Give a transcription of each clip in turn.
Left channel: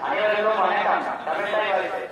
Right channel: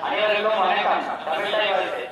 அனைவருக்கும் வணக்கம் தமிழ்தாய் வாழ்த்து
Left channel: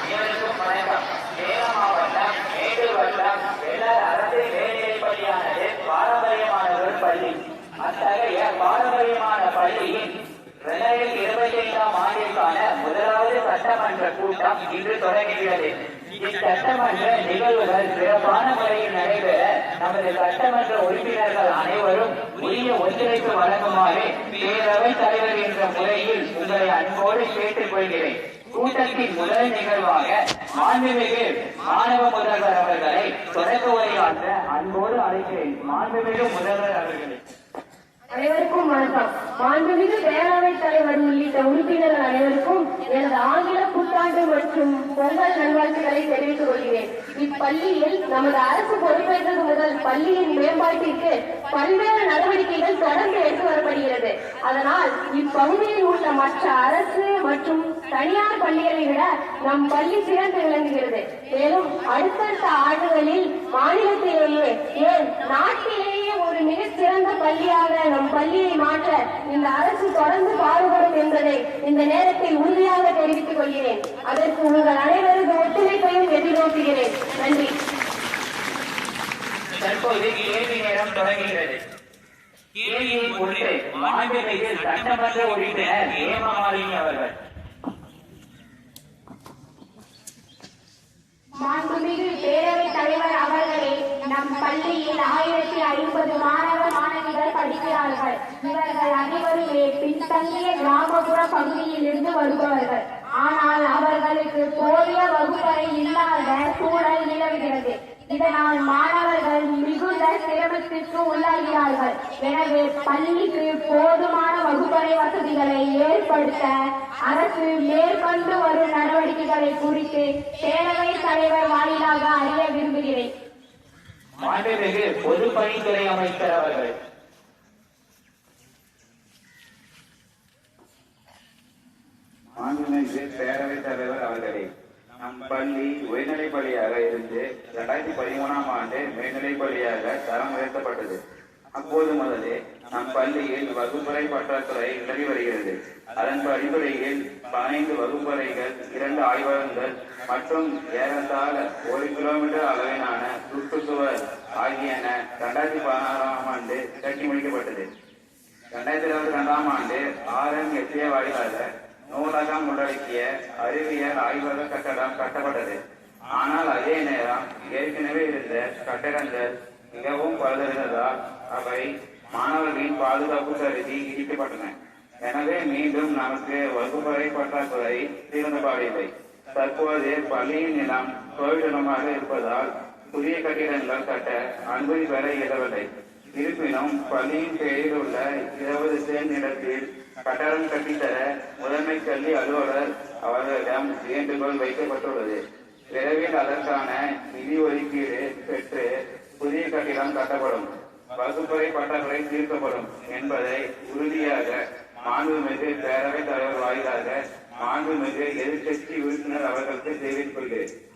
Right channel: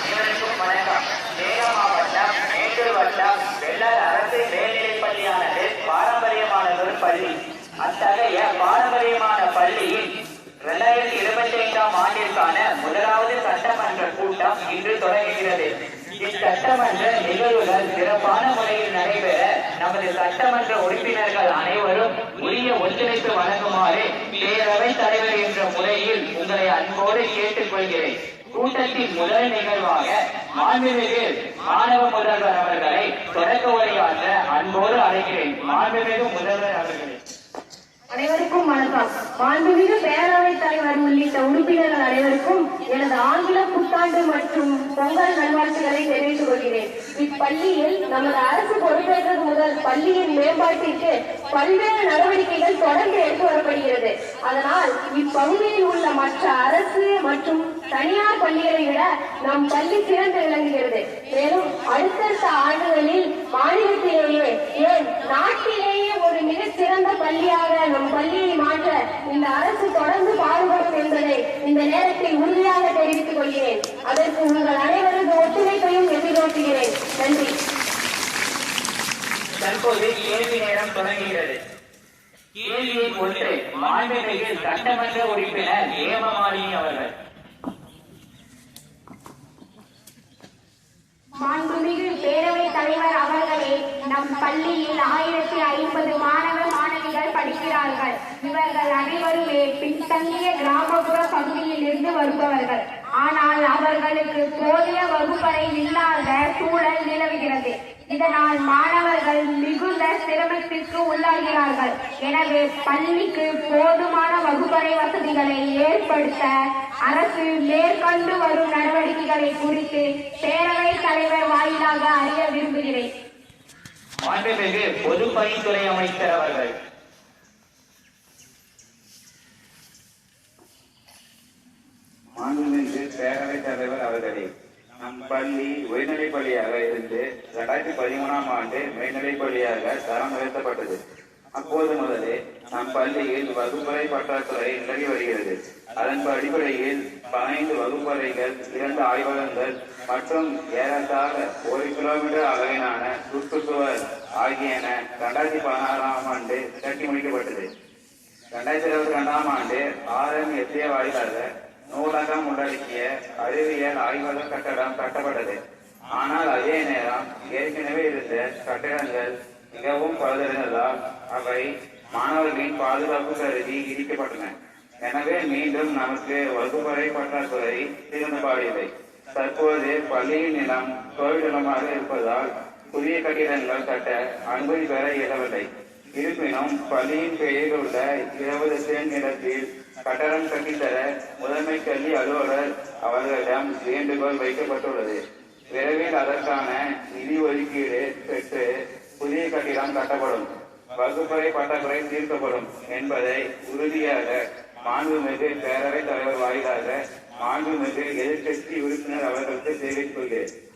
அனைவருக்கும் வணக்கம் சேலம் மாவட்டம் மேட்டூர் வட்டம் வெள்ளார் அரசு மேல்நிலைப் பள்ளியானது பாரம்பரியமான ஒரு பள்ளி அத்தகைய பாரம்பரியமான பள்ளியின் இரண்டாயிரத்தி இருபத்தி ஐந்தாம் ஆண்டிற்கான முதலாவது சட்டமன்ற கூட்டம் இன்று தொடங்குகிறது இச்சட்டமன்ற நிகழ்வுகள் சிறப்பான முறையில் நடைபெற நமது சட்டமன்ற உறுப்பினர்கள் அனைவரும் உரிய ஒத்துழைப்பு வழங்குமாறு பேரவைத் தலைவர் என்ற முறையில் உங்களை அன்போடு கேட்டுக்கொள்கிறேன். கூட்டத்தின் முதல் நிகழ்வாக மாண்புமிகு மாணவ முதல்வர் அவர்களை தொடக்க உரையாற்ற அன்போடு அழைக்கிறேன். மாண்புமிகு முதல்வர் அவர்களே. அனைவருக்கும் வணக்கம். மாண்புமிகு பேரவை தலைவர் உள்ளிட்ட உறுப்பினர்கள் அனைவருக்கும் எனது ஆங்கில புத்தாண்டு மற்றும் பொங்கல் நல்வாழ்த்துக்களை தெரிவித்துக் கொள்கிறேன். இப்பள்ளியில் நமது அரசு பொறுப்பேற்றது முதல் பள்ளியின் மேம்பாட்டிற்கு பல்வேறு நடவடிக்கைகள் தொடர்ந்து எடுத்து வரப்படுகிறது. அதனால் இப்பகுதியில் உள்ள மற்ற அரசு மற்றும் தனியார் பள்ளிகளை விட நம் பள்ளி சிறந்த விளங்குகிறது மேலும் அடுத்தடுத்த ஆண்டுகளில் மாநிலத்திலேயே ஏன் நாட்டிலேயே ஒரு மிகச் சிறந்த பள்ளியாக நம் பள்ளியை மாற்ற இந்த அரசு தொடர்ந்து பாடுபடும் என்பதை இந்த நேரத்தில் உறுதியாக தெரிவித்துக் கொள்கிறேன் அதற்கு உங்கள் அனைவரது ஒத்துழைப்பையும் எதிர்நோக்குகிறேன் நன்றி தற்போது கேள்வி நேரம் தொடங்குகிறது கேள்வியை பொறுத்து மாண்புமிகு சட்டமன்ற உறுப்பினர் ஏமமாலினி அவர்கள். மாண்புமிகு பேரவை தலைவர் அவர்களே நம் பள்ளியில் ஆயிரத்தி ஐம்பது மாணவ மாணவிகள் படிக்கிறார்கள். இவர்கள் அனைவருமே பின்தங்கிய கிராமப்புற பகுதியில் இருந்து வருபவர்கள். ஆனால் அவர்களுக்கு போதிய வகுப்பறை இல்லாத சூழல் நிலவுகிறது. இதனால் மாணவர்கள் மிகுந்த சிரமத்திற்கு உள்ளாகிறார்கள். எனவே பள்ளிக்கு போதுமான வகுப்பறை வசதிகளை ஏற்படுத்த அரசு மேற்கொண்டு வரும் நடவடிக்கைகளை குறித்து பேரவைத் தலைவர் வாயிலாக அறிய விரும்புகிறேன். மாண்புமிகு பொதுப்பணித்துறை அமைச்சர் அவர்கள். மாண்புமிகு பேரவைத் தலைவர் அவர்களே பள்ளி உயர்நிலைப் பள்ளியாக இருந்து இரண்டாயிரத்தி பதிமூணாம் ஆண்டு மேல்நிலைப் பள்ளியாக தரம் உயர்த்தப்பட்டது. அப்போது முதலே நம் பள்ளியில் வகுப்பறை பற்றாக்குறை நிலவி வருகிறது. அதன் அடிப்படையில் பதினைந்து வகுப்பறைகள் இரண்டு ஆய்வகங்கள் மற்றும் ஏறத்தாழ ஒரு கிலோமீட்டர் அளவிலான சுற்றுச்சுவர் ஆகியன இரண்டாயிரத்தி பதினாறாம் ஆண்டு கட்டி முடிக்கப்பட்டது. இரண்டாயிரத்தி இருபத்தி ரெண்டாம் ஆண்டு ஆர்எம் எஸ்ஏ வாயிலாக நூலகம் உள்ளடக்கிய ஆய்வக கட்டடம் கட்டப்பட்டது. ஆனால் அதே நேரம் ஏற்கனவே இருந்த கட்டடங்கள் மிகவும் பழுதடைந்ததால் அவை மாணவர்களின் பாதுகாப்பு கருதி இடிக்கப்பட்டன. எனவே மீண்டும் நமக்கு வகுப்பறை பற்றாக்குறை தீர்ந்தபாடில்லை தற்போது பள்ளியின் நிலம் கோவிடமாக இருப்பதால் புதிய கட்டிடங்கள் கட்ட அனுமதி பெற இயலவில்லை. இருப்பினும் பள்ளியின் பெயரில் உள்ள இருபது சென்ட் நிலத்தில் கட்டடம் கட்டித்தர முதன்மை கல்வி அலுவலர் அவர்களிடம் வேண்டுகோள் வைக்கப்பட்டுள்ளது. விரைவில் அதற்கான நிதி ஒதுக்கீடு பெற்று புதிய கட்டிடம் கட்டப்படும். வகுப்பறை பட்டாக்குறை தீர்க்கப்படும் என்பதை உறுதியாக மாண்புமிகு பேரவைத் தலைவர் வாயிலாக மாண்புமிகு எதிர்கட்சி உறுப்பினர் அவர்களுக்கு தெரிவித்துள்ளேன். கொள்கிறேன்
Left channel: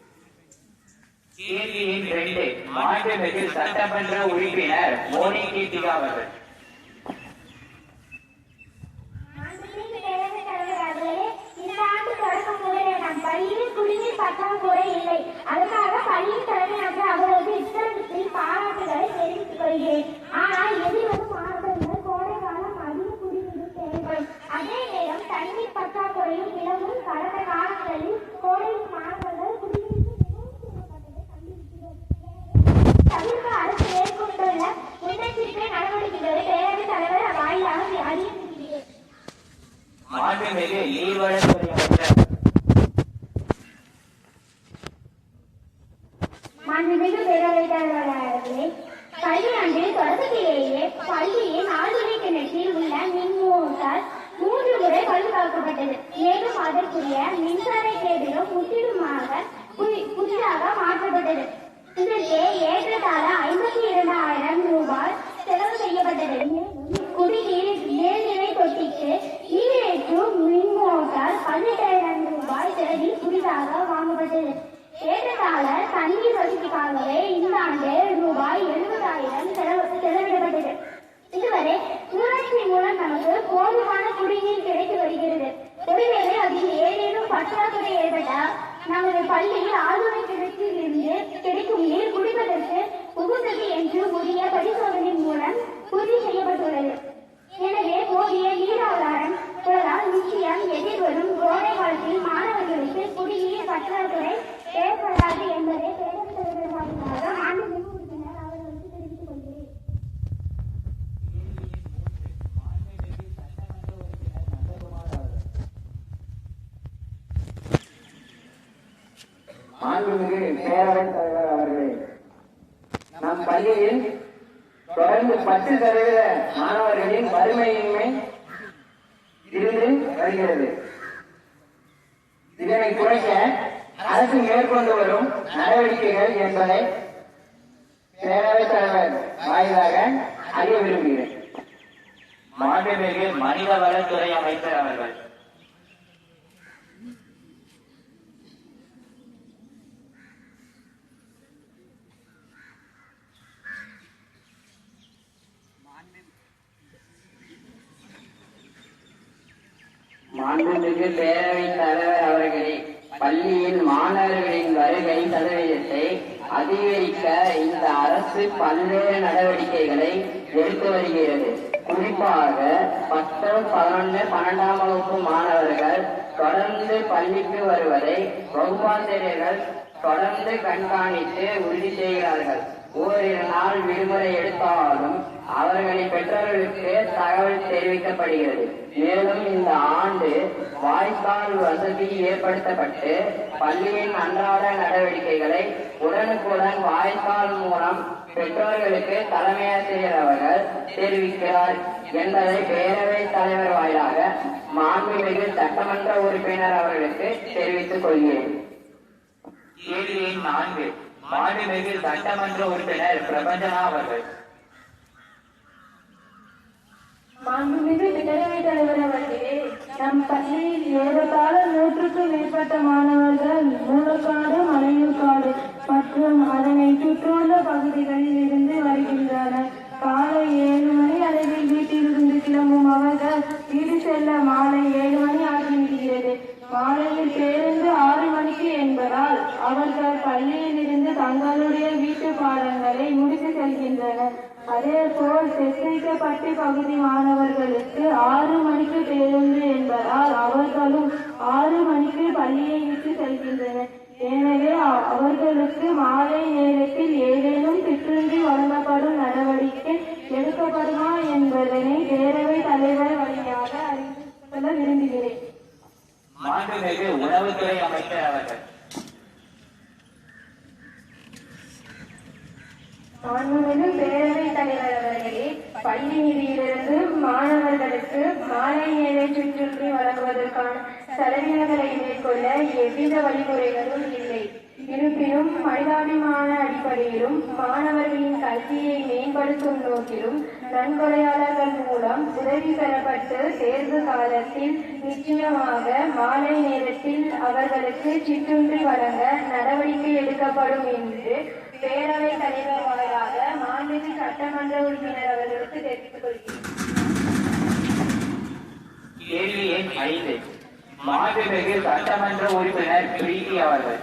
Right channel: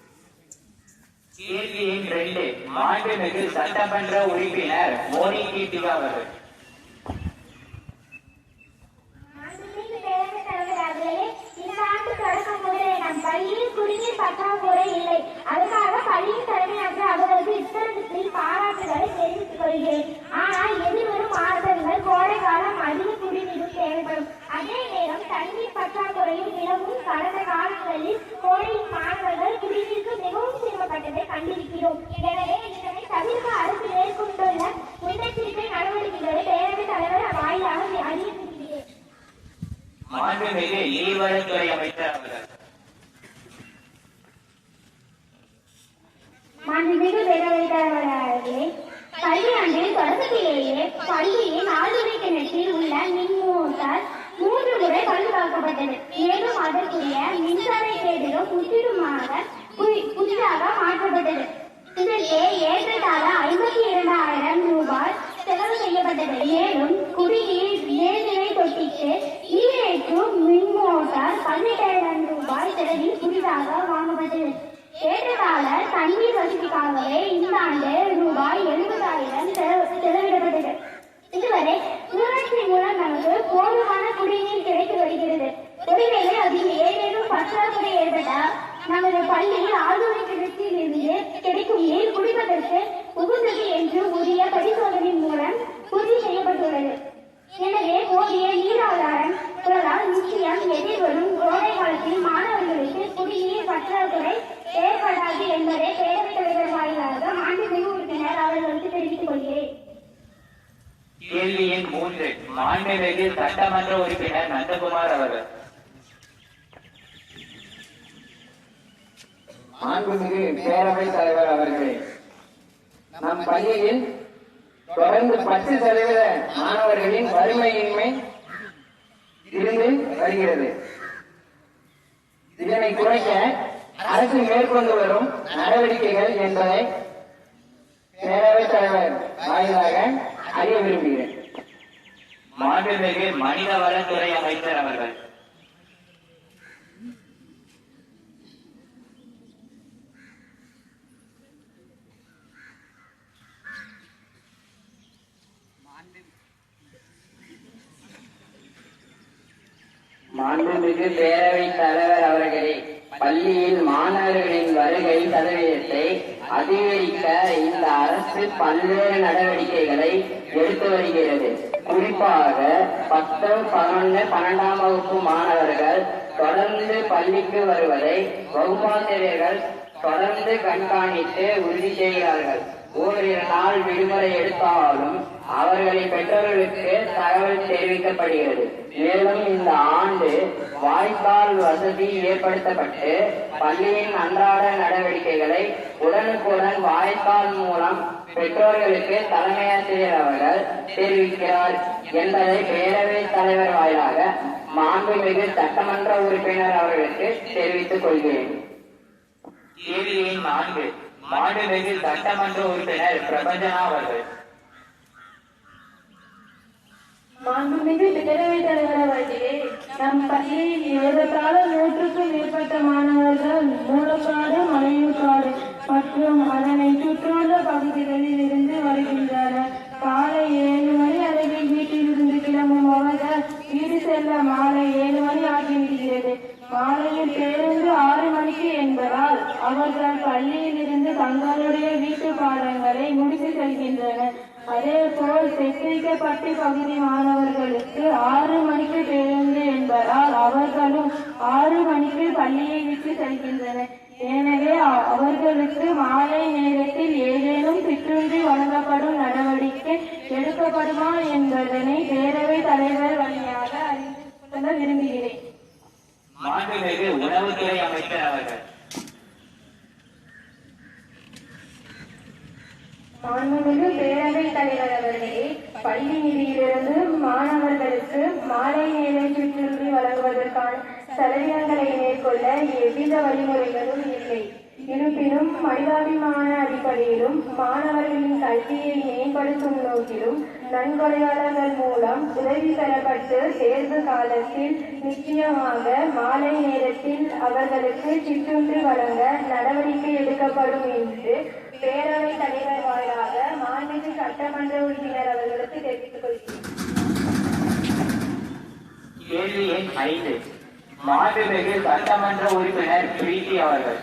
கேள்வி எண் ரெண்டு மாண்புமிகு சட்டமன்ற உறுப்பினர் மோனி கீர்த்திகா அவர்கள் மாண்புமிகு பேரவைத் தலைவர் அவர்களே, இந்த ஆண்டு தொடக்கம் முதலே நம் பள்ளியில் குடிநீர் பற்றாக்குறை இல்லை அதற்காக பள்ளியின் தலைமை ஆசிரியர் அவர்களுக்கு இத்தருணத்தில் பாராட்டுகளை தெரிவித்துக் கொள்கிறேன். ஆனால் எதிர்வரும் மாணவர்கள் கோடை காலம் அதிக குடிநீரும் தேவைப்படும். அதே நேரம் தண்ணீர் பற்றாக்குறையும் நிலவும். கடந்த காலங்களில் கோடையில் மாணவர்கள் குடிநீருக்கு மிகவும் சிரமப்பட்டதை கண்டிருக்கிறோம். எனவே தவிர்க்க அரசு மேற்கொண்டுள்ள முன்னெச்சரிக்கை நடவடிக்கைகளை பேரவைத் தலைவர் வாயிலாக அறிவித்திருக்கிறேன். மாண்புமிகு அமைச்சர் மாண்புமிகு பேரவைத் தலைவர் அவர்களே கல்வியாண்டில் தொடக்கத்திலேயே பள்ளியின் ஆழ்துளை கிணற்றில் உள்ள மின் மோட்டார் மூன்று முறை பழுதாக்கப்பட்டது மேலும் அதற்குரிய மின்சார கேடுகள் முற்றிலுமாக புதி- புதிதாக மாற்றப்பட்டது இதற்கு ஏற்றத்தாழ ஐம்பத்தி இரண்டாயிரம் ரூபாய் செலவு செய்யப்பட்டது மேலும் குடிநீர் மேல்நிலை தொட்டிக்கு ஈரேற்றும் மின் மோட்டார் பதினெட்டாயிரம் ரூபாய் செலவில் புதிதாக வாங்கப்பட்டது ஏற்றத்தாழ தண்ணீர் வசதிக்காகவே இந்த ஆண்டு ரூபாய் எழுபதாயிரம் செலவு செலவிடப்பட்டது இதுவரை ஊராட்சி மூலம் நமக்கு போதுமான குடிநீர் கிடைத்து வருகிறது ஒருவேளை அதில் ஏதேனும் பற்றாக்குறை ஏற்பட்டால் நமது பள்ளியில் ஆழ்துளை கிணற்றில் இருந்து கிடைக்கும் நீர் குடிப்பதற்கு உகந்தது என்று உரிய பரிசோதனை மூலம் உறுதி செய்யப்பட்டுள்ளது எனவே போதிய நீர் ஆதாரம் உள்ளதால் நிச்சயம் எதிர்வரும் கோடை காலத்தில் மாணவர்களுக்கு குடிநீர் பற்றாக்குறை ஏற்படாது என்பதை பேரவைத் தலைவர் வாயிலாக மாண்புமிகு உறுப்பினர் அவர்களுக்கு தெரிவித்துக் கொள்கிறேன் ஒன்று மாண்புமிகு சட்டமன்ற உறுப்பினர் நந்தகுமார் அவர்கள். மாண்புமிகு பேரவைத் தலைவர் அவர்களே நம் பள்ளியில் தொடர்ந்து பத்து சதவீத மாணவர்களின் வறுமையின்மை இருந்து வருகிறது. இதனை குறைக்க அரசு மேற்கொண்டு வரும் நடவடிக்கைகள் என்பதை பேரவைத் தலைவர் வாயிலாக அறிய விரும்புகிறேன். மாண்புமிகு மனிதவளத்துறை அமைச்சர் அவர்கள். மாண்புமிகு பேரவைத் தலைவர் அவர்களே பள்ளியில் மாணவர்களின் வருகை சதவீதத்தை அதிகரிக்க இந்த அரசு பல்வேறு நடவடிக்கைகளை எடுத்து வருகிறது. பதினொன்று பன்னெண்டாம் வகுப்பு மாணவர்கள் தொடர்ந்து பள்ளிக்கு வருவதை வகுப்பாசிரியர்கள் தொடர்ந்து கண்காணித்து உறுதி செய்கிறார்கள். ஓரிரு நாள் விடுமுறை எடுத்தாலும் அவர்களின் பெற்றோர்களுக்கு தகவல் தெரிவிக்கப்படுகிறது. மேலும் இந்த ஆண்டு வாய்ப்பால் வசதி ஏற்படுத்தப்பட்டு பள்ளியின் அன்றாட நடவடிக்கைகளை உடனுக்குடன் வாய்ப்பால் மூலம் பெற்றோர்களுக்கு தலைமையாசிரியர் அவர்கள் தெரிவிக்கிறார். என்பதை பேரவைத் தலைவர் வாயிலாக மாண்புமிகு சட்டமன்ற உறுப்பினர் அவர்களுக்கு தெரிவித்துக் கொள்கிறேன். கேள்வி நான்கு. மாண்புமிகு சட்டமன்ற உறுப்பினர் பிரபஞ்சனா அவர்கள். மாண்புமிகு பேரவைத் தலைவர் அவர்களே நம் பள்ளியில் ஏறத்தாழ நூற்றுக்கும் மேற்பட்ட மாணவர்கள் மூலக்காடு மலையூர்காடு மற்றும் அதனை சுற்றியுள்ள பகுதிகளில் பாடங்களை முடித்து செல்கின்றனர் அதே போல் செத்திரிக்கப்பட்டி பகுதி மாணவர்களுக்கு ஆறு மணிக்கு பேருந்து என்பதால் அவர்களும் ஆறு மணிக்கு பள்ளியை விட்டு செல்கின்றனர். எனவே அவர்களுக்கு மாலை நேரத்தில் ஏதேனும் சிற்றுண்டி வழங்கப்படும் நடவடிக்கை எடுக்கப்படுமா என்பதனை பேரவை தலைவர் வழியாக அறிந்து கொள்ள விரும்புகிறேன். மாண்புமிகு உணவுத்துறை அமைச்சர் அவர்கள். மாண்புமிகு பேரவைத் தலைவர் அவர்களே பள்ளி நிதியிலிருந்து மாணவர்களுக்கு மாலை நேர சுற்றுலி வழங்குவதற்கான செலவினங்களை மேற்கொள்ள எவ்வித வழிமுறைகளும் இல்லை. இருப்பினும் மனிதாபிமான அடிப்படையிலும் மாணவர்களின் கல்வியை மேம்படுத்தும் நோக்கிலும் நன்கொடையாளர்கள் மூலம் உதவி பெறப்பட்டு தேர்வு காலத்தில் நிச்சயமாக மாலை நேரத்தில் அவர்களுக்கு சிற்றுண்டி வழங்க நடவடிக்கை எடுக்கப்படும் என்று பேரவைத் தலைவர் வாயிலாக மாநில சட்டமன்ற உறுப்பினர் அவர்களுக்கு தெரிவித்துக் கொள்கிறேன் கேள்வி எண் ஐந்து மாண்புமிகு சட்டமன்ற உறுப்பினர் பிரீத்தி அவர்கள்.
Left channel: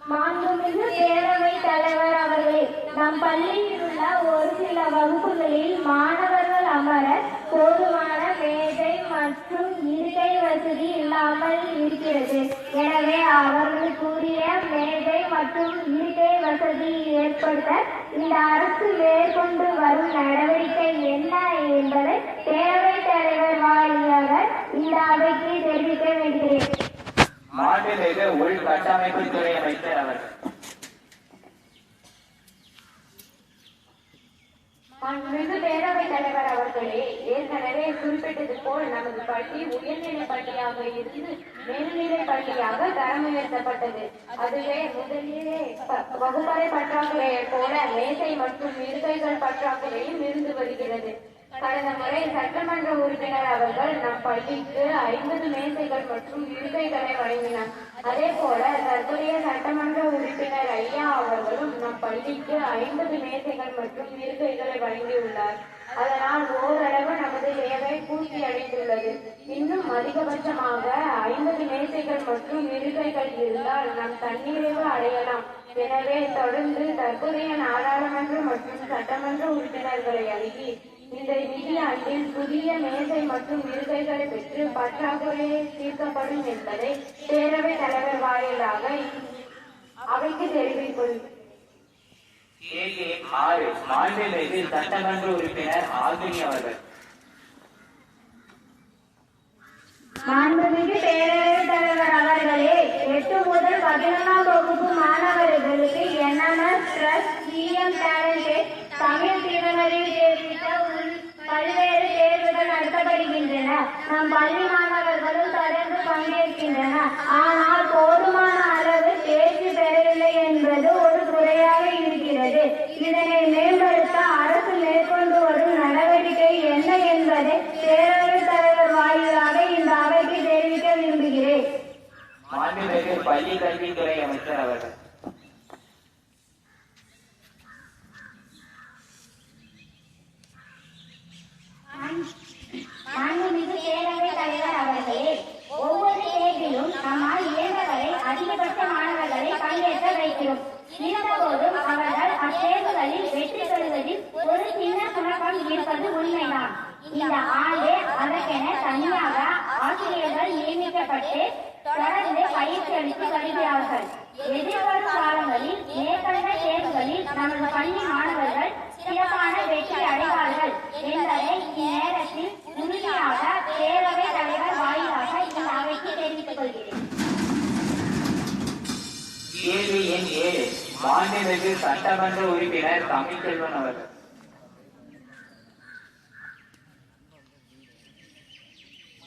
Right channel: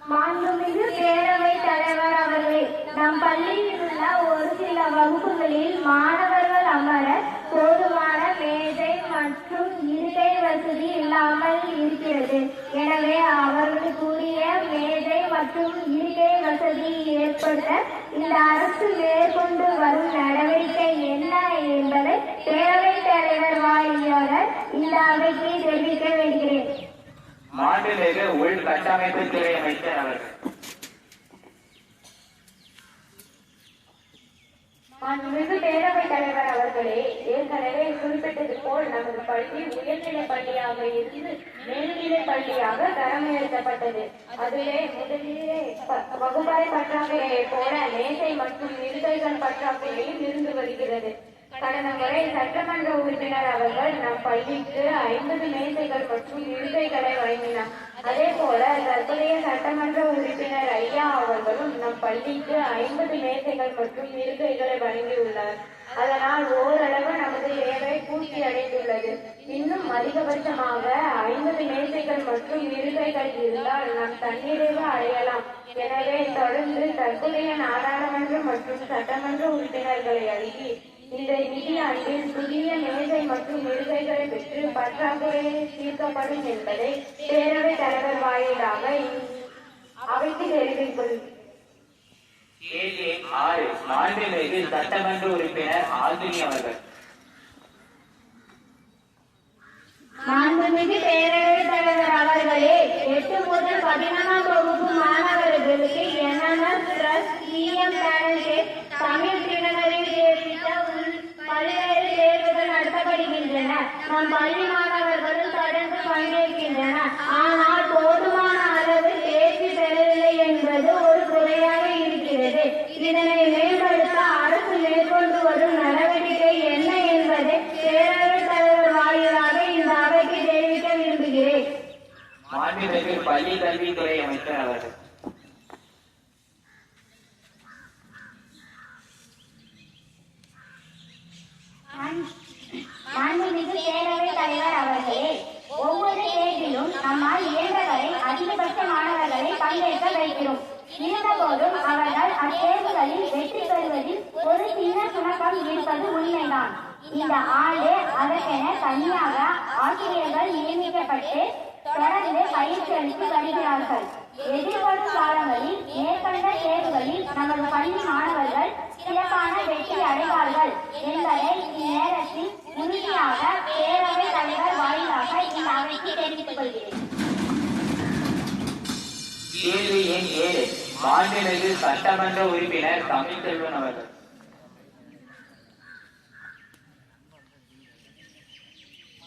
மாண்புமிகு பேரவை தலைவர் அவர்களே நம் பள்ளியில் உள்ள ஒரு சில வகுப்புகளில் மாணவர்கள் அமர போதுமான மேஜை மற்றும் இருக்கை வசதி இல்லாமல் இருக்கிறது. எனவே அவர்களுக்குரிய மேஜை மற்றும் இருக்கை வசதி ஏற்படுத்த இந்த அரசு மேற்கொண்டு வரும் நடவடிக்கை என்ன என்பதை பேரவைத் தலைவர் வாயிலாக இந்த அவைக்கு தெரிவிக்க வேண்டுகிறேன் மாண்புமிகு உள்கட்டமைப்புத்துறை அமைச்சர் அவர்கள். மாண்புமிகு பேரவைத் தலைவர் அவர்களே ஏற்கனவே குறிப்பிட்டது போல் நமது பள்ளி உயர்நிலைப் பள்ளியாக இருந்து மேல்நிலைப் பள்ளியாக தரம் உயர்த்தப்பட்டது அதுவே முதலிலே வகுப்பறை பற்றாக்குறையை போல மேசை மற்றும் இருக்கைகள் பற்றாக்குறையும் இருந்து வருகிறது. கடந்த முறை சட்டமன்ற உறுப்பினர் அவர்கள் நம் பள்ளிக்கு ஐம்பது மேசைகள் மற்றும் இருக்கைகளை வழங்கினார். அதே போல தற்போதைய சட்டமன்ற உறுப்பினர் ஐயா அவர்களும் நம் பள்ளிக்கு ஐம்பது மேசைகள் மற்றும் இருக்கைகளை வழங்கியுள்ளார். அதனால் ஓரளவு நமது தேவை பூர்த்தி அடைந்துள்ளது. இன்னும் அதிகபட்சமாக ஐம்பது மேசைகள் மற்றும் இருக்கைகள் இருந்தால் நாம் தன்னிறைவு அடையலாம். எனவே தொடர்ந்து தற்போதைய நாடாளுமன்ற மற்றும் சட்டமன்ற உறுப்பினர்களை அணுகி இந்த நிதியாண்டில் புதிய மேசை மற்றும் இருக்கைகளை பெற்று பற்றாக்குறை தீர்க்கப்படும் என்பதை பேரவைத் தலைவர் வாயிலாக அவைக்கு தெரிவிக்கும். கேள்வி ஆறு சட்டமன்ற உறுப்பினர் ஆகினி அவர்கள். மாண்புமிகு பேரவைத் தலைவர் அவர்களே எட்டு முதல் பதினொன்றாம் வகுப்பு மாணவர்களுக்கு NNS plus CM parent Tamil திறனறிவு தேர்விட்ட உள் பல்வேறு தேர்வுகள் நடத்தப்படுகின்றன நம் பள்ளி மாணவர்களும் தொடர்ந்து பங்கேற்கின்றனர் ஆனால் போதுமான அளவு தேர்ச்சி பெறவில்லை என்பது ஒரு குறையாக இருக்கிறது இதனை மேம்படுத்த அரசு மேற்கொண்டு வரும் நடவடிக்கை என்ன என்பதை பேரவைத் தலைவர் வாயிலாக இந்த அவைக்கு தெரிவிக்க விரும்புகிறேன் மாண்புமிகு பள்ளி கல்வித்துறை அமைச்சர் அவர்கள் மாண்புமிகு பேரவைத் தலைவர் அவர்களே ஒவ்வொரு தேர்விலும் நம்மால் இயன்றவரை அதிகபட்ச மாணவர்களை பங்கேற்க வைக்கிறோம் இருந்தபோதும் அவர்கள் அத்தேர்வுகளில் வெற்றி பெறுவதில் ஒரு சின்ன சுணக்கம் இருப்பது உண்மைதான் இந்த ஆண்டு அதற்கென தனியாக ஆசிரியர்கள் நியமிக்கப்பட்டு தொடர்ந்து பயிற்சி அளித்து வருகிறார்கள் எதிர்வரும் காலங்களில் மேற்கண்ட தேர்வுகளில் நமது பள்ளி மாணவர்கள் சிறப்பான வெற்றி அடைவார்கள் என்பதை இந்நேரத்தில் உறுதியாக பேரவைத் தலைவர் வாயிலாக இந்த அவைக்கு தெரிவித்துக் கொள்கிறேன் கேள்வி எண் ஏழு. மாண்புமிகு சட்டமன்ற உறுப்பினர் தமிழ்செல்வன் அவர்கள்.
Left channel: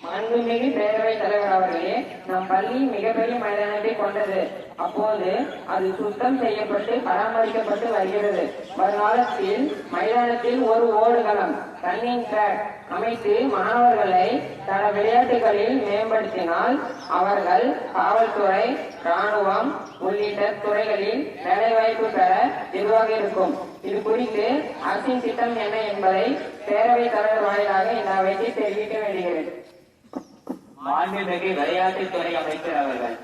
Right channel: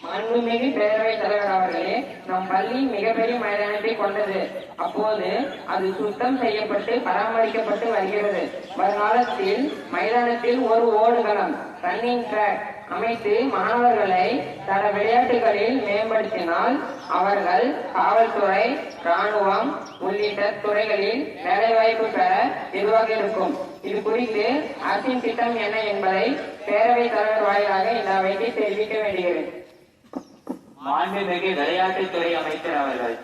மாண்புமிகு பேரவைத் தலைவர் அவர்களே நம் பள்ளி மிகப்பெரிய மைதானத்தை கொண்டது. அப்போது அது சுத்தம் செய்யப்பட்டு பராமரிக்கப்பட்டு வருகிறது. வருங்காலத்தில் மைதானத்தில் ஒரு ஓடுகளம் ரன்னிங் ட்ராக் அமைத்து மாணவர்களை பல விளையாட்டுகளில் மேம்படுத்தினால் அவர்கள் காவல்துறை ராணுவம் உள்ளிட்ட துறைகளில் வேலைவாய்ப்பு பெற இதுவாக இருக்கும்? இது குறித்து அரசின் திட்டம் என்ன என்பதை பேரவைத் தலைவர் வாயிலாக இந்த அவைக்கு தெரிவிக்க வேண்டுகிறேன் மாண்புமிகு விளையாட்டுத்துறை அமைச்சர் அவர்கள்.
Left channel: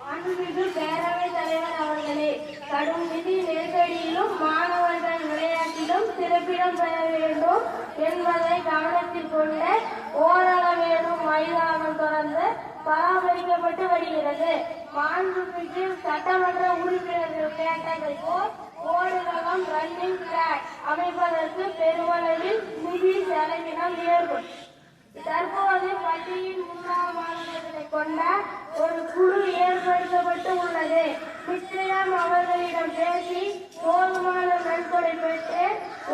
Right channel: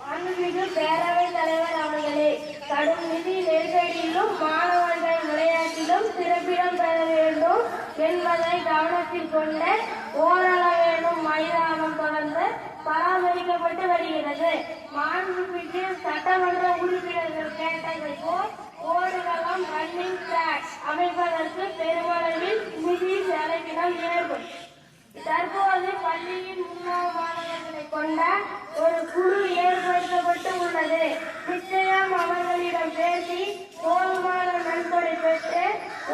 மாண்புமிகு பேரவைத் தலைவர் அவர்களே கடும் நிதி நெருக்கடியிலும் மாணவர்கள் விளையாட்டிலும் சிறப்பிடம் பெற வேண்டும் என்பதை கொண்டு ஓரளவிலும் மைதானம் தொடர்ந்து பராமரிக்கப்பட்டு வருகிறது. மாண்புமிகு சட்டமன்ற உறுப்பினர்கள் கேட்டதை போல் ஓடுகளம் ரன்னிங் ட்ராக் அமைப்பதற்கு பெருமளவில் நிதி செலவினம் ஏற்படும் தற்போது பள்ளியின் மாணவர்களை கொண்ட ஒரு குழு ஏற்படுத்தப்பட்டு உள்ளது நிச்சயம் அவர்களிடம் பேசி போதுமான நன்கொடை பெற்று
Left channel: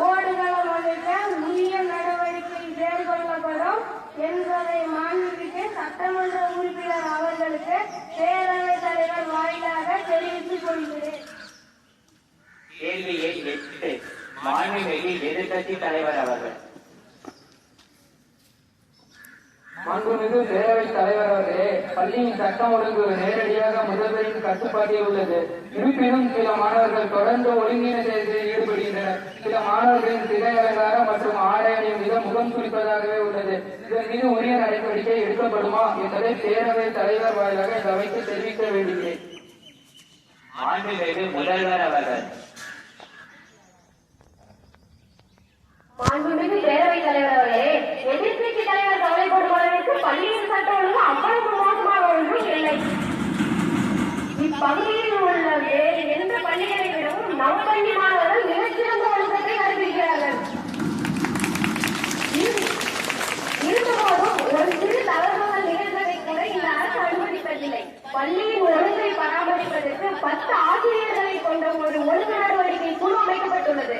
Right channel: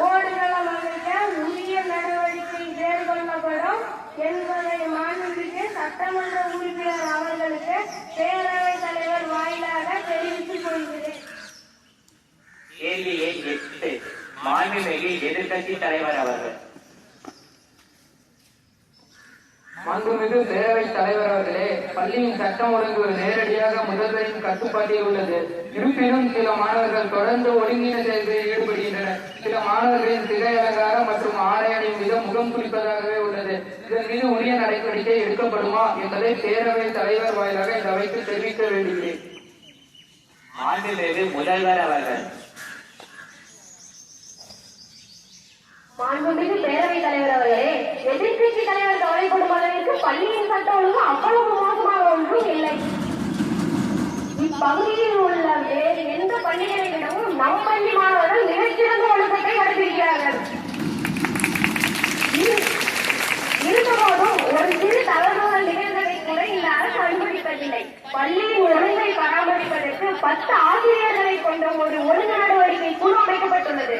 ஓடுகளம் அமைக்க உரிய நடவடிக்கை மேற்கொள்ளப்படும் என்பதை மாண்புமிகு சட்டமன்ற உறுப்பினர் அவர்களுக்கு பேரவைத் தலைவர் வாயிலாக தெரிவித்துக் கொள்கிறேன் கேள்வி எண் எட்டு மாண்புமிகு எதிர்க்கட்சி தலைவர் அவர்கள் மாண்புமிகு பேரவைத் தலைவர் அவர்களே பள்ளியின் சட்ட சட்டம் ஒழுங்கு நேரடியாக உள்ளது இருப்பினும் சில மாணவர்கள் தொடர்ந்து செயல்களில் ஈடுபடுகின்றனர். சில மாணவர்களின் சிகை அலங்காரம் மற்றும் ஆடை அணியும் விதம் முகம் குறிப்பதாகவே உள்ளது. இதன் மீது உரிய நடவடிக்கை எடுக்கப்படுமா என்பதை பேரவை தலைவர் வாயிலாக இந்த அவைக்கு தெரிவிக்க வேண்டுகிறேன். முதல்வர் அவர்கள். மாண்புமிகு பேரவைத் தலைவர் அவர்களே எதிர்க்கட்சி தலைவர் கவலைப்படும் அளவிற்கு பள்ளியின் சட்ட ஒழுங்கு அவ்வளவு மோசமாக ஒன்றும் இல்லை. பகுதியில் உள்ள வேறு எந்த பள்ளிகளை விடவும் நம் பள்ளி மாணவர்கள் மிகச்சிறந்த ஒழுக்கத்தை கடைபிடிக்கிறார்கள். இருந்தபோதும் ஒரு சிறு தவறுகள் நிகழ்ந்ததை கூட இந்த அரசு அனுமதிப்பதில்லை பள்ளியின் ஒழுங்கை பராமரிப்பதற்கு பத்து ஆசிரியர்களை கொண்ட ஒரு ஒழுங்கு நடவடிக்கை குழு அமைக்கப்பட்டுள்ளது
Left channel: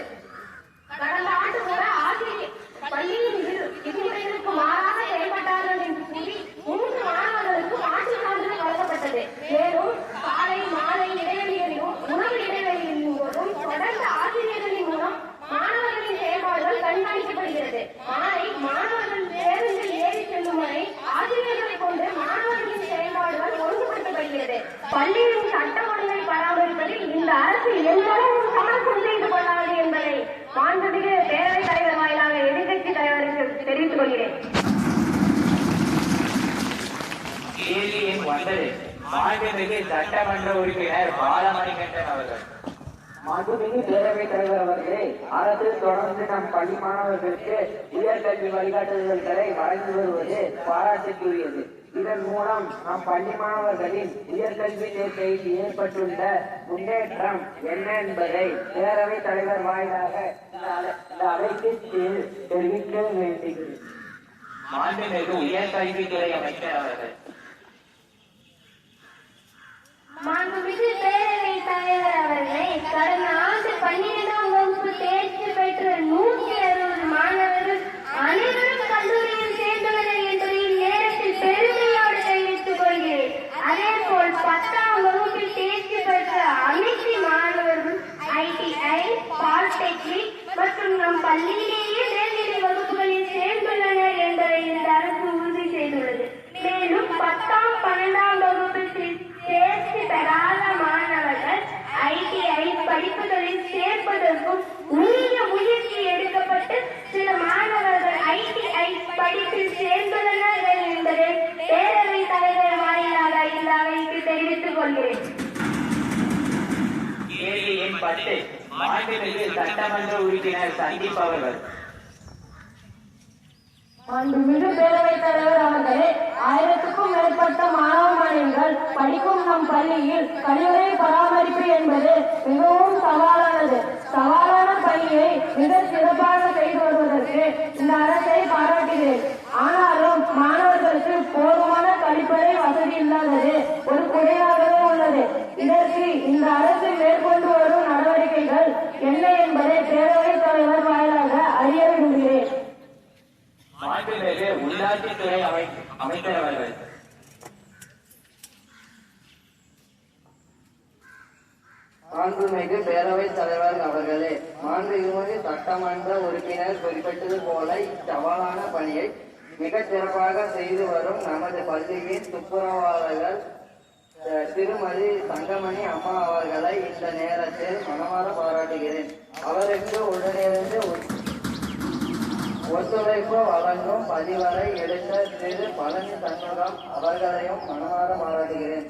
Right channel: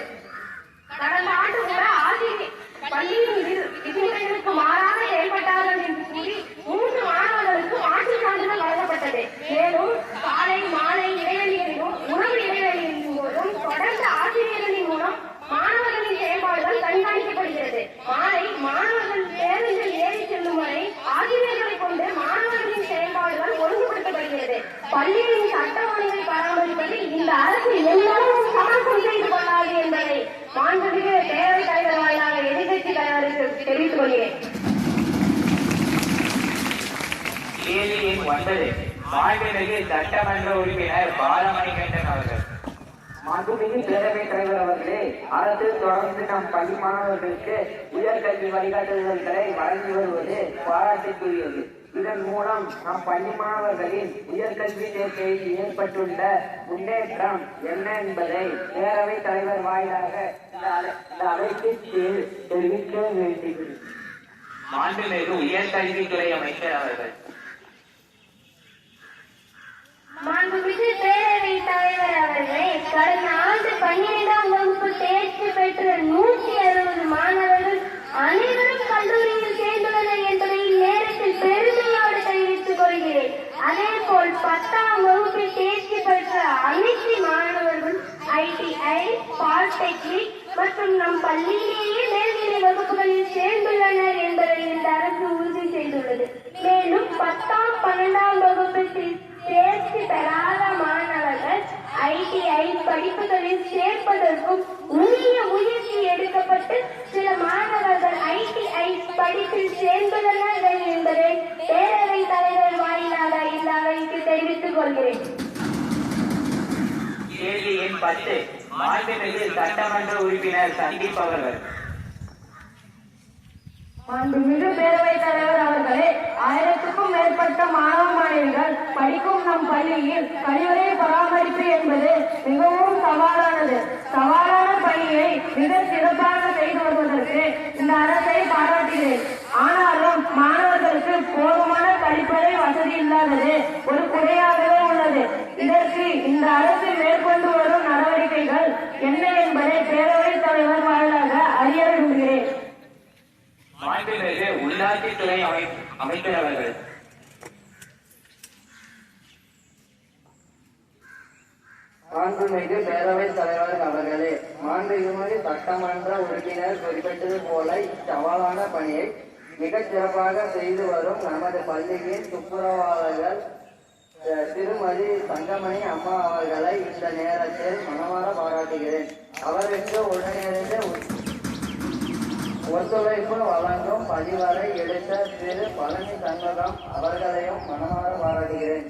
கடந்த ஆண்டு கூட ஆசிரியர் பள்ளியின் விதி- விதிமுறைகளுக்கு மாறாக செயல்பட்டார்கள் என்று கூறி மூன்று மாணவர்களுக்கு ஆட்சி சான்றிதழ் வழங்கப்பட்டது மேலும் காலை மாலை இடைவெளியிலும் உணவு இடைவெளியின் போதும் தொடர்ந்து ஆசிரியர்களின் மூலம் மாணவர்களின் செயல்பாடுகள் கண்காணிக்கப்படுகிறது மாலை மாணவர்கள் பேருந்தில் ஏறி செல்லும் வரை ஆசிரியர்களை கொண்டு மாணவர்களின் செயல்பாடுகள் ஒழுங்குபடுத்தப்படுகிறது பள்ளியின் சட்ட ஒழுங்கை பராமரிப்பதில் இந்த அரசு எல்லோரும் சமரசம் செய்து கொள்ளாது என்பதை மாண்புமிகு பேரவைத் தலைவர் வாயிலாக எதிர்க்கட்சி தலைவருக்கு தெரிவித்துக் கொள்கிறேன் கேள்வி எண் ஒன்பது மாண்புமிகு சட்டமன்ற உறுப்பினர் பாலமணிகண்டன் அவர்கள். மாண்புமிகு பேரவைத் தலைவர் அவர்களே அரசு தொடர்ந்து நம் பள்ளி மாணவர்களுக்கு உயர்கல்வி வழிகாட்டுதல்களை வழங்கி வருவது பாராட்டுக்குரியது. இதன் மூலம் நம் பள்ளி மாணவர்களின் உயர்கல்வி சேர்க்கையில் ஏற்பட்டுள்ள முன்னேற்றம் என்ன என்பதை பேரவைத் தலைவர் வாயிலாக இந்த அவைக்கு தெ- தெரிவிக்க வேண்டுகிறேன். மாண்புமிகு உயர்கல்வித்துறை அமைச்சர் அவர்கள். மாண்புமிகு பேரவைத் தலைவர் அவர்களே கடந்த ஆண்டு பன்னிரெண்டாம் வகுப்பு தேர்ச்சி பெற்ற நூற்றி அறுபது மாணவர்கள் அனைவரும் கல்லூரியில் சேர்ந்தவர்கள் என்பதை நேரத்தில் பெருமையோடு தெரிவித்துக் கொள்கிறேன் அதேபோல் பத்தாம் வகுப்பில் தேர்ச்சி பெற்ற அனைத்து மாணவர்கள் ஐடிஐ பாலிடெக்னிக் மற்றும் நம் பள்ளியிலேயே மேல்நிலை வகுப்புகளில் சேர்ந்துள்ளனர் என்பதை இந்த அரசு உறுதி செய்துள்ளது மேலும் பத்தாம் பன்னெண்டாம் வகுப்பில் தே- தேர்ச்சி பெறாத மாணவர்கள் ஐடிஐ படிப்புகளில் சேர்ப்பதற்கும் உரிய முயற்சி எடுக்கப்பட்டு சில மாணவர்கள் ஐடிஐ படிப்பில் சேர்ந்துள்ளனர் என்பதை பேரவைத் தலைவர் வாயிலாக இந்த அவைக்கு தெரிவித்துக் கொள்கிறேன் கேள்வி எண் பத்து மாநிலத்தில் சட்டமன்ற உறுப்பினர் சந்தீப் அவர்கள். மாண்புமிகு பேரவைத் தலைவர் அவர்களே ஆயிரத்துக்கும் மேற்பட்ட மாணவ மாணவிகள் படிக்கும் நம் பள்ளியில் கழிவுறை பராமரிப்பு என்பது மிகவும் சவாலானது. சவாலான பணியை மிக சிறப்பாக செய்து வருவதற்கு இந்த அரசை பாராட்டுகிறேன். ஆனாலும் மாணவர்களுக்கு போதுமான கழிப்பறை வசதி இல்லாதது ஒரு குறையாகவே உள்ளது. இதற்கு இந்த அரசு மேற்கொண்டு நடவடிக்கைகள் என்ன என்பதை பேரவைத் தலைவர் வாயிலாக அறிய விரும்புகிறேன். மாண்புமிகு உள்ளாட்சித்துறை அமை அமைச்சர் அவர்கள் மாண்புமிகு பேரவைத் தலைவர் அவர்களே மாண்புமிகு சட்டமன்ற உறுப்பினர் குறிப்பிட்டது போல இச்சவாலான பணியை மிகச் சிறப்பாக செய்து வரும் நமது பள்ளியின் துப்புரவாளர்கள் திருமதி தங்கமணி அம்மா அவர்களை இந்த நேரத்தில் மனமாற பாராட்டுகிறேன். அவருக்கு உடனிருந்து ஒத்துழைப்பு வழங்கும் பதிவரை எடுத்த திரு பழனி சண்முகம் அவர்களையும் மனமாற பாராட்டுகிறேன்.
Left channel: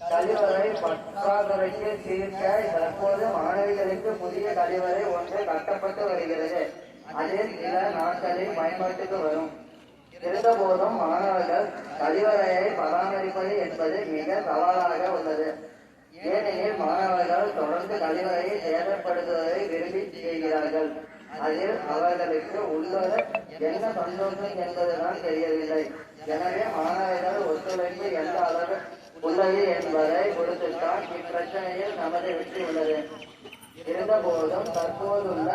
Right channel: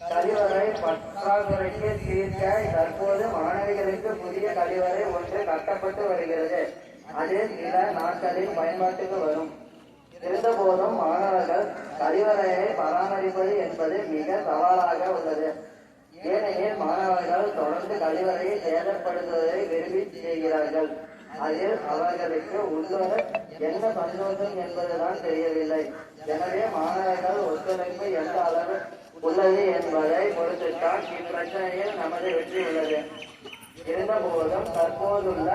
கழிவறை பற்றாக்குறைக்கு தீர்க்க தற்போது மாணவிகளுக்கு புதிய கழிவறை ஒன்று கட்டப்பட்டு வருகிறது. அதில் சில நாட்களில் பயன்பாட்டுக்கு வரும். இருந்தபோதும் மாணவர்கள் கழிவறையை பராமரிப்பது என்பது மிக சவாலாக உள்ளது. ஏனெனில் மாணவர்கள் தொடர்ந்து கழிவறையை சேதப்படுத்துவதை விரும்பி செய்கிறார்கள். அதில் அவர்களுக்கு உள்ளது என்ன சந்தோஷம் என்பதுதான் தெரியவில்லை. எனவே மாணவர்கள் ஒத்துழைப்பு எந்த அளவு உள்ளது என்பதை பொறுத்துத்தான் இப்பிரச்சனையில் நமது வெற்றி உள்ளது. இருந்தபோதும் தற்போதுள்ள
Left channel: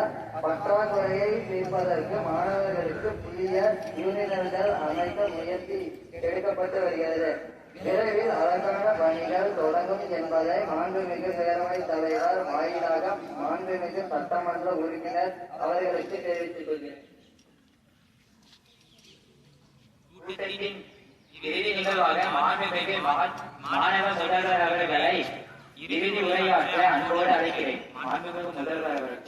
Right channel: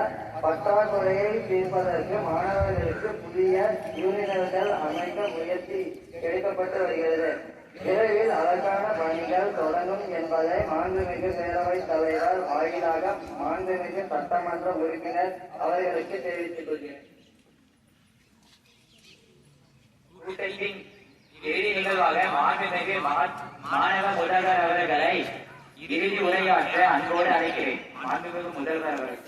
பற்றாக்குறையை தீர்ப்பதற்கு மாணவர்களுக்கு புதிய யூனியன்கள் அமைக்க முயற்சி எடுக்கப்பட்டு வருகிறது. விரைவில் அதற்கான பணிகள் தொடங்கும் என்பதை மாண்புமிகு பேரவைத் தலைவர் வாயிலாக மாண்புமிகு சட்டமன்ற உறுப்பினர் அவர்களுக்கு தெரிவித்துக் கொள்கிறேன். கூட்டத்தின் மாண்புமிகு மாணவ முதல்வர் அவர்களை இறுதி உரையாற்ற அன்போடு அழைக்கிறேன். மாண்புமிகு முதல்வர் அவர்கள்.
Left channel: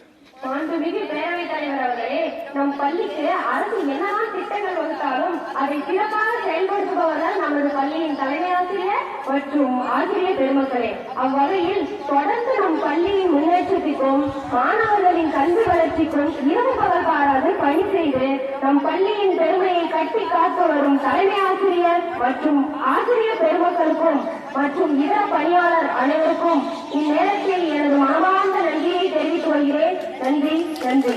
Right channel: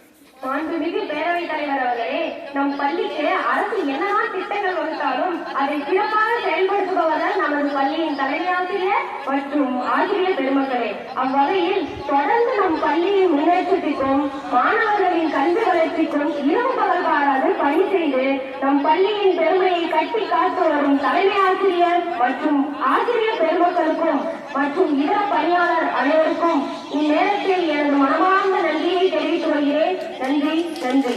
மாண்புமிகு பேரவைத் தலைவர் அவர்களே நம் பள்ளிக்கு அரசு என்னதான் திட்டங்கள் வகுத்தாலும் அதை சிறப்பாக செயல்படுத்துபவர்கள் நமது பள்ளியின் தலைமை ஆசிரியர் மற்றும் ஆசிரியர் பெருமக்களே. அவ்வகையில் தொடர்ந்து நம் பள்ளியின் முன்னேற்றத்திற்கும் மாணவர்களின் கல்வி வளர்ச்சிக்கும் இரவு பகல் பாராது பணி செய்து நம் பள்ளியின் பெருமையை கட்டி காத்து வரும் தலைமை ஆசிரியர் மற்றும் ஆசிரியர் பெருமக்களுக்கும் மற்றும் இதர பணியாளர் அனைவருக்கும் இந்நேரத்தில் எனது மனமார்ந்த நன்றியை தெரிவித்துக் கொள்கிறேன். நன்றி நன்றி.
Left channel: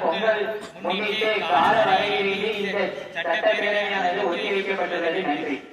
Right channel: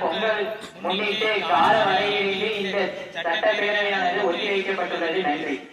பொங்கல் முன்னிட்டு கால வகையிலேயே இந்த சட்டப்பேரவையானது ஒத்திவைக்கப்பட்டுள்ளது. நன்றி.